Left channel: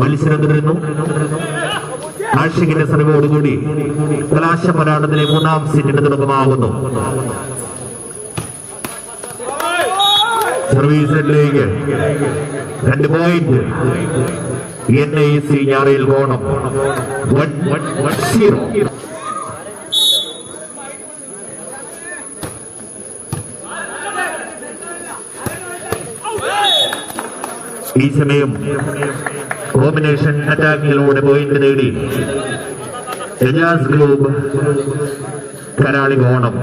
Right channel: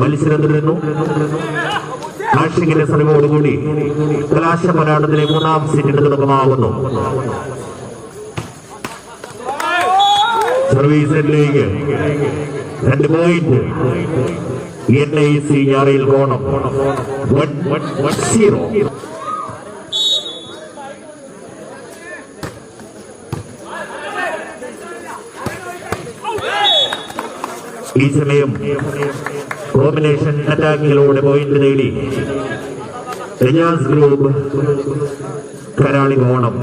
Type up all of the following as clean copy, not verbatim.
മത്സരം തുടരുന്നു. ആഷിഖിന്റെ സർവോടുകൂടി കലാശ പോരാട്ടത്തിലെ മൂന്നാം സെറ്റിന് തുടക്കമാകുന്നു. സർവീസ് സെറ്റിലേക്ക് 2 പോയിന്റ്. NIC ഞാറയിൽ കോണം 1-0. ഈ സമയം കോമ്പിനേഷൻ അറ്റാക്കിലൂടെ പോയിന്റ് നേടി എജാസ് ഗ്രൂപ്പ് കരാളി കോണം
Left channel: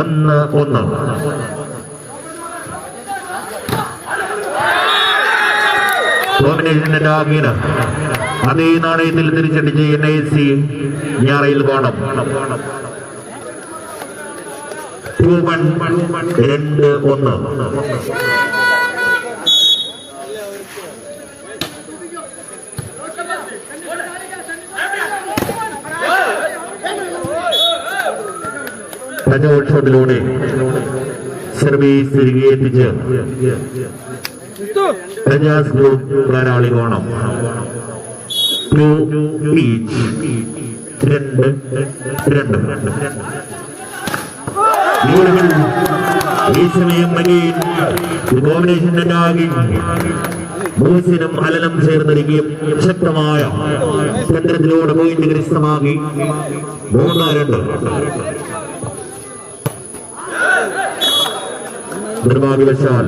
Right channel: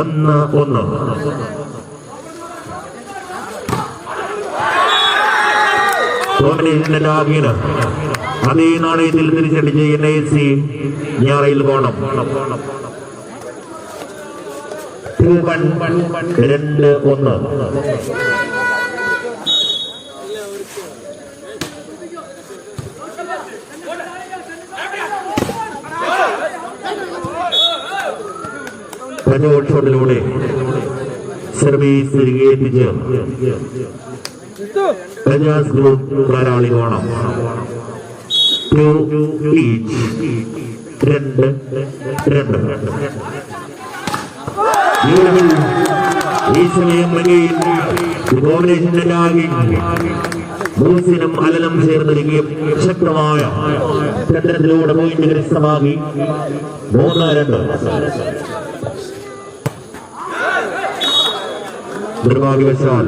1-1. കോമ്പിനേഷൻ അറ്റാക്കിന് അതേ നാണയത്തിൽ തിരിച്ചടിച്ച് NIC ഞാറയിൽ കോണം 2-1. ഷോട്ടിലൂടെ സർവീസ് തിരികെ എത്തിച്ച് എജാസ് ഗ്രൂപ്പ് കരാളി കോണം 2-2. ഈ സമയം കോമ്പിനേഷനാകി മൂസിനും അലനും ചേർന്നിരിക്കുകയും ശക്തമായ കേന്ദ്രത്തിലൂടെ പോയിന്റ് കരസ്ഥമാക്കി 3-2. നിർഭാഗ്യവശാൽ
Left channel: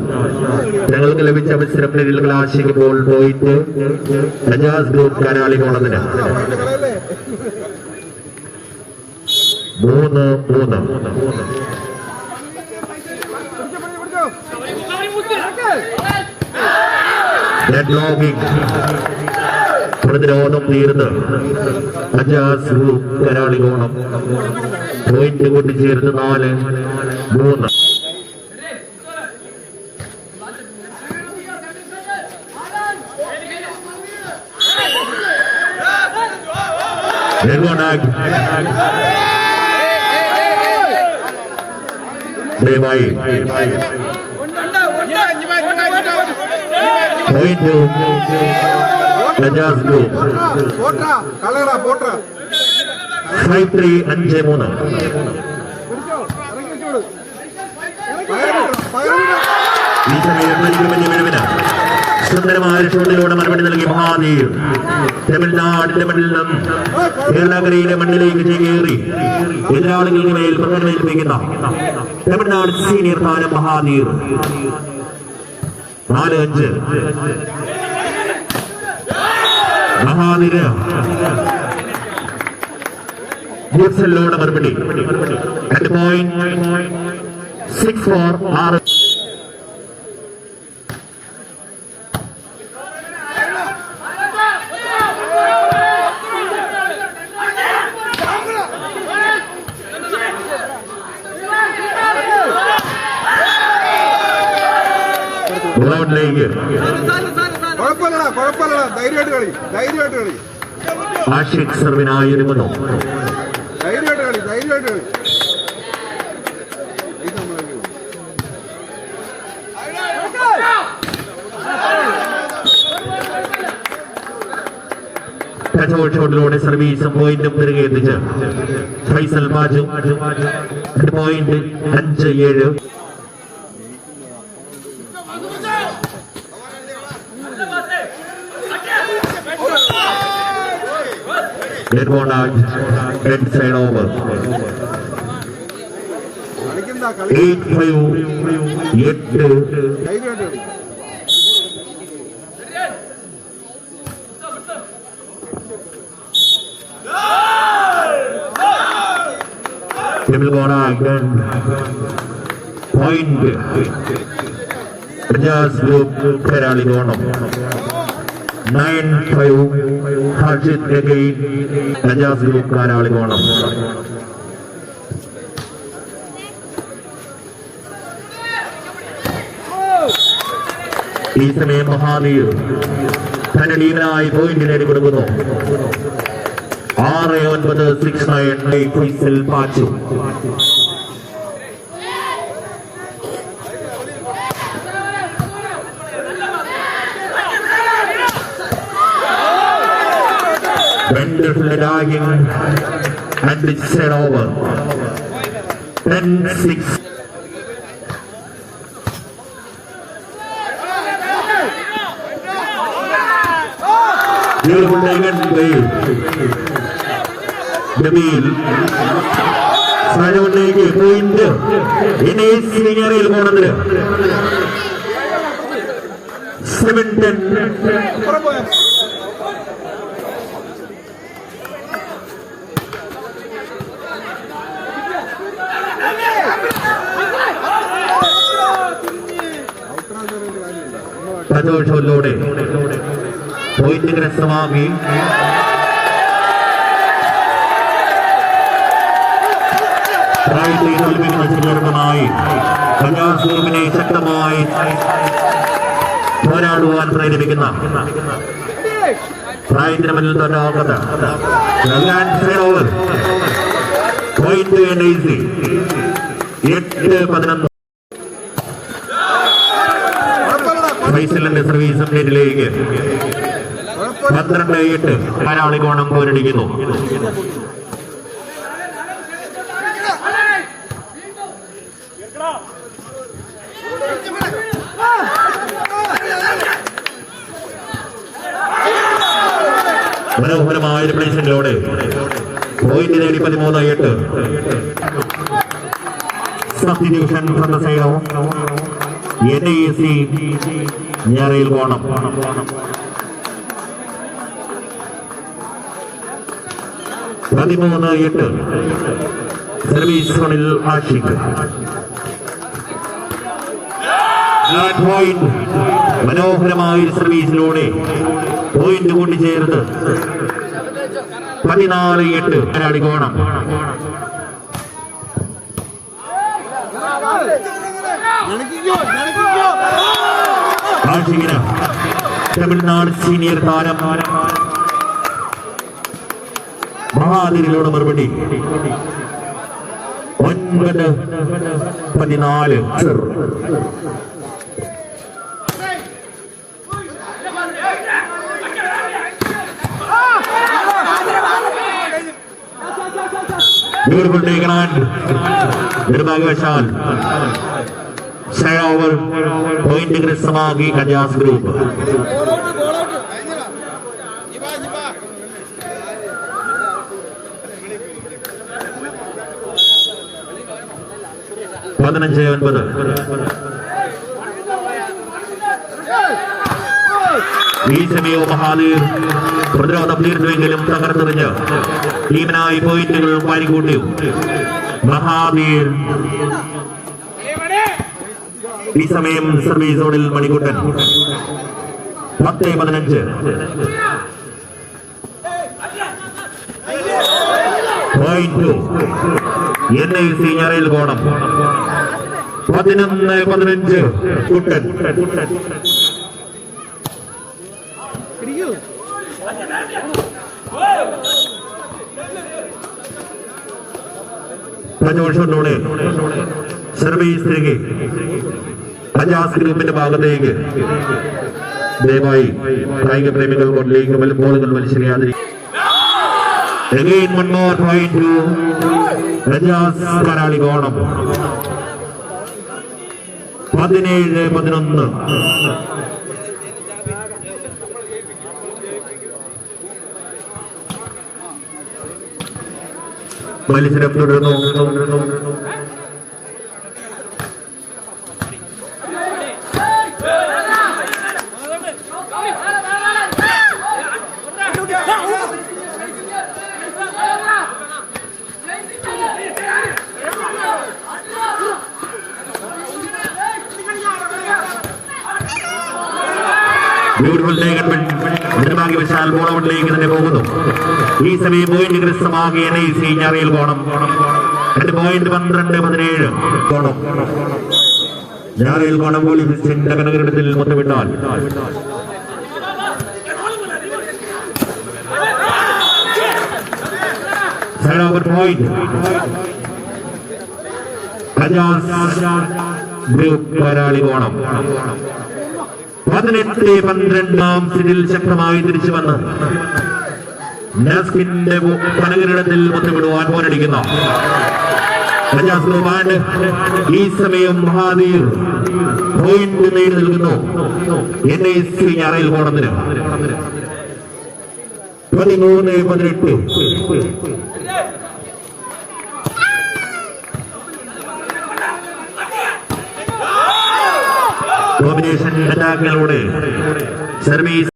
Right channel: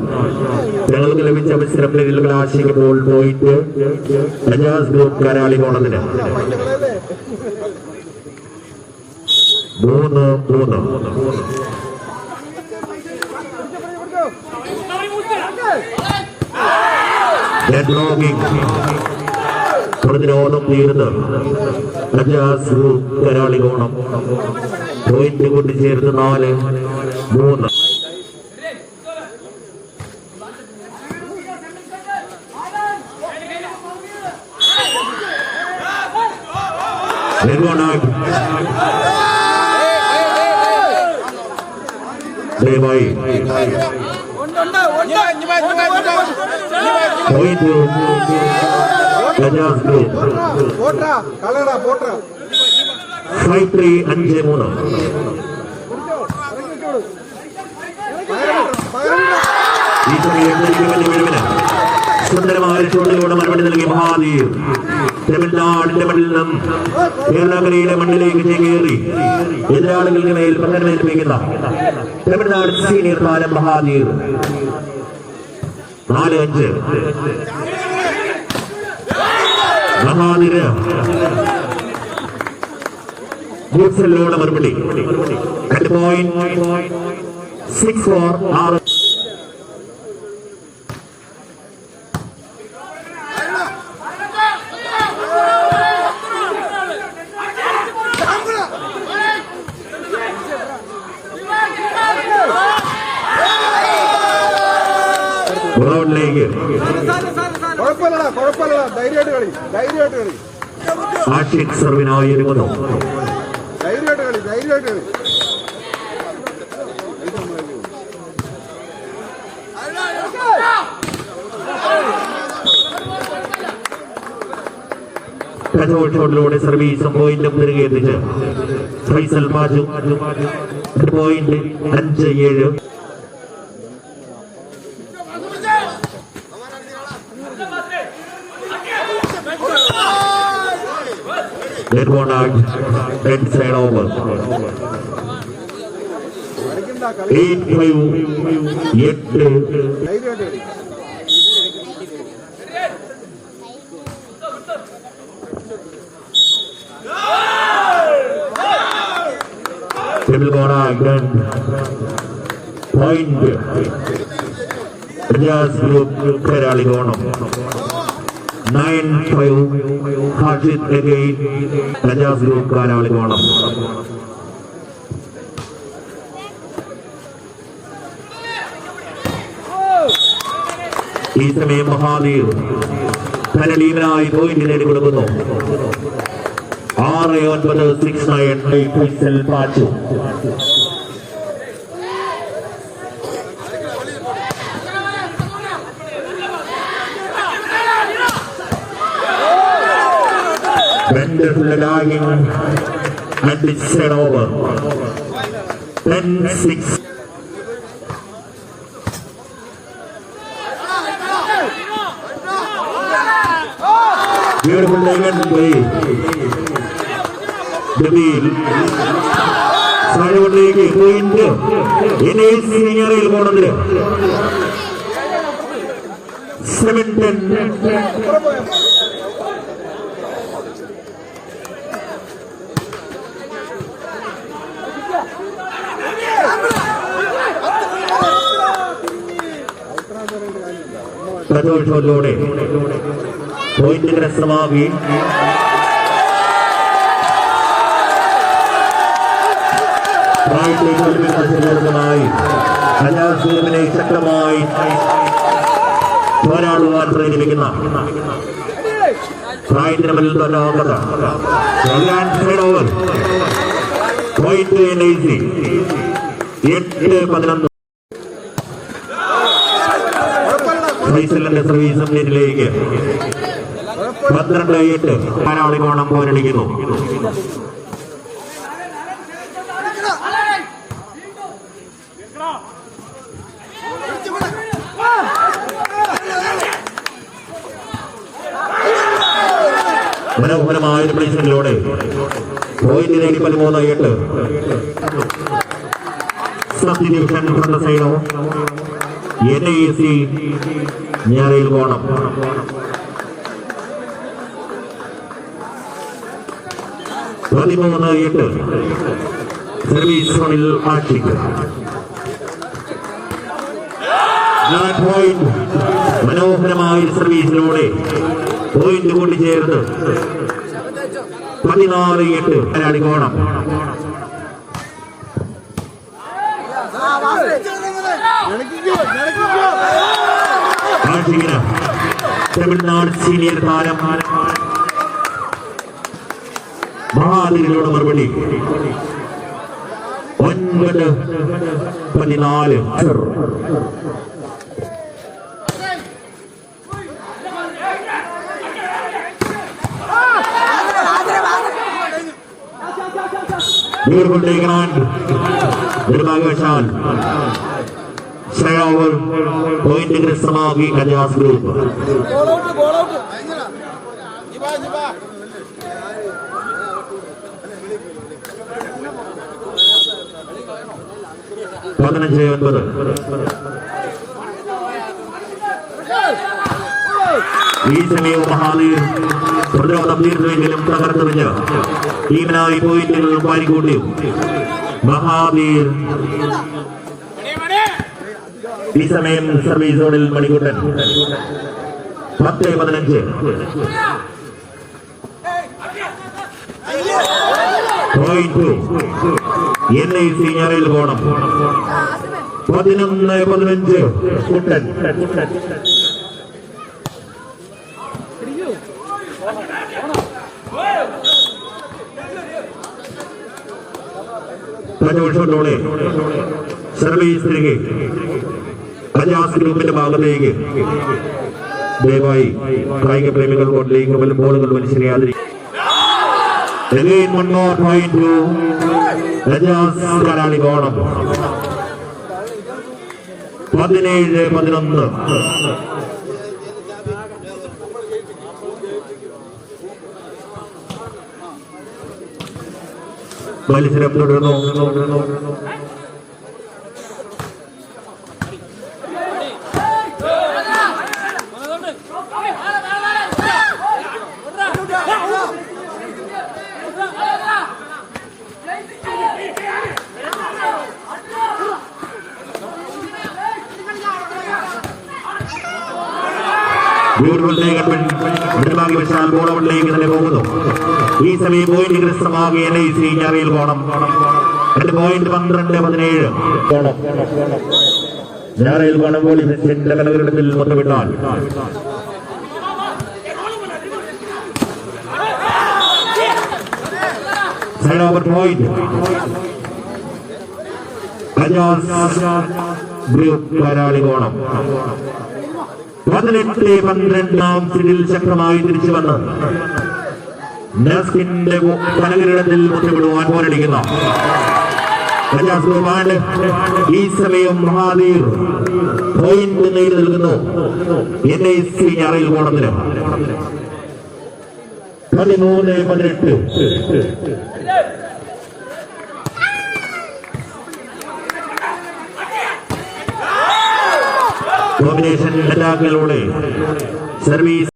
ഞങ്ങൾക്ക് ലഭിച്ച അവസരം കലാശിക്കുമ്പോൾ പോയിട്ട് എജാസ് ഗ്രൂപ്പ് കരാളി കോണത്തിന് 3-3. പ്രതിരോധം തീർന്ന് എജാസ് ഗ്രൂപ്പ് കരാളി കോണം പോയിന്റ് കൂട്ടിച്ചേർന്ന് 4-3. ദയവായി പോയിന്റ് എജാസ് ഗ്രൂപ്പ് 5-3. ഈ സമയം മികവിന് സുന്ദരമായ ഷോട്ടിലൂടെ മറുപടി നൽകി മഹാദേവ് തമിഴ്നാടിന്റെ മണ്ണിൽ നിന്നും കേരളക്കരയിലെ മണ്ണിലേക്ക് ചേക്കേറി എതിരാളികളുടെ മേൽ പ്രകടനേൽപ്പിക്കുന്ന തമിഴ്നാട് സീനിയർ താരം മഹാദേവ് 4-5. മഹാനിര ന്യൂസലിലൂടെ മറുപടി 2 പോയിന്റ് 6-4. ആഷിഖ് സർവിനായി ഒരുങ്ങുന്നു. ഷോട്ടിലൂടെ സർവീസും പോയിന്റും തിരികെ എത്തിച്ച് Faisal Baju 5-7. Red side over 8-5. Double gonna again. Point. Just group Kerala Gonam 9-5. Harshit again. Just group Kerala Gonam. ഈ സമയം മഹാദേവ് തന്റെ ടീമിനായി പോയിന്റ് നേടിക്കൊടുക്കുന്നു. 6-9 6-9 Faisal Pachu. Wonderful lagging and it's set over. 10-6. Beautiful taken by Jamil. Side point. In a senior il corner. 7-10. സന്തോഷത്തോടെ point കരസ്ഥമാക്കി മത്സരമായി കന്യാസ്വാമിനെ ശക്തമായി പോരാടുവാൻ പ്രേരിപ്പിക്കുന്ന പ്രായത്തിന് മുന്നിൽ തടാകത പോയിന്റ് 8-11. ഫൈസലിന്റെ സർവീസ് നെറ്റിലേക്ക് 12-8 പാരാളികോണം പോരടിക്കുന്നു. മനോഹരമായ ഒരു പ്ലേസിലൂടെ പോയിന്റ് നേടി 13-8. സബ്ഡിവിഷൻ സന്ദർശയോ NAC ഞാറയിൽ പോണം. പതിമൂന്ന് 8 സർവീസ് സോണിൽ ആഷിഖ്. പോയിന്റ് മനോഹരമായ സർവീസിലൂടെ പോയിന്റ് കൊണ്ട് ചേർന്ന് 14-8 പാരാളികോണം. ആഷിഖിന് തമിഴ്നാട് സീനിയർ താരം മഹാദിരിലൂടെ മറുപടി. 9-14. Beautiful taken on. നിർഭാഗ്യവശാൽ ഓവർ പോയിന്റ് കരസ്ഥമാക്കി കന്യാസ് ഗ്രൂപ്പ്. പതിനഞ്ച് 9. ഈ സമയവും മഹാദീർ പ്രതിരോധം തീർന്നുവെങ്കിലും തകർത്തെറിഞ്ഞ് ടീമിനായി പോയിന്റുകൾ വാരിക്കൂട്ടി. മഹാദീർ ഈ സമയം സർവീസ് സോണിൽ മണിക്കുട്ടൻ. 10-15. പോയിന്റ് NAC ഞാറയിൽ കോണം. 11-15 കുട്ടൻ. സന്തോഷത്തോടെ സർവീസ് തിരികെ കന്യാസ് ഗ്രൂപ്പിന്റെ ഭാഗത്തേക്ക്. ദയവായി കായിക പ്രേമികൾ കൊണ്ടിലേക്ക് ബോളുകൾ മനുഷ്യനെയാതിരിക്കും. Again one more point to കന്യാസ് പാരാളികോണം. 17-11. മത്സരം തുടരുന്നു. നിർഭാഗ്യവശാൽ ബോളൗട്ടിലേക്ക് തന്നെ പോകുന്നു. ഈ സമയം പോയിന്റ് കരസ്ഥമാക്കി NAC ഞാറയിൽ കോണം. പോയിന്റ് 12-17 കോണം. ഞാറയിൽ കോണം പോലീസിന്റെ കനകരത്തിൽ മുത്തമിട്ടാൽ ഓവർ പോയിന്റ് ഗ്രൂപ്പ് പാരാളികോണം. 18-12 സീറ്റിൽ ശക്തമായി തിരിച്ചു വന്ന് നസ്കിന്റെ കനകിരീടത്തിൽ മുത്തമിടുവാൻ പോരടിക്കുന്നു ഈ സമയം മഹാവീർ പോയിന്റ് നേടി നിൽക്കുന്നു NIC ഞാറയിൽ കോണത്തിന് 13-18. കോമ്പിനേഷൻ അറ്റാക്കിലൂടെ സർവീസ്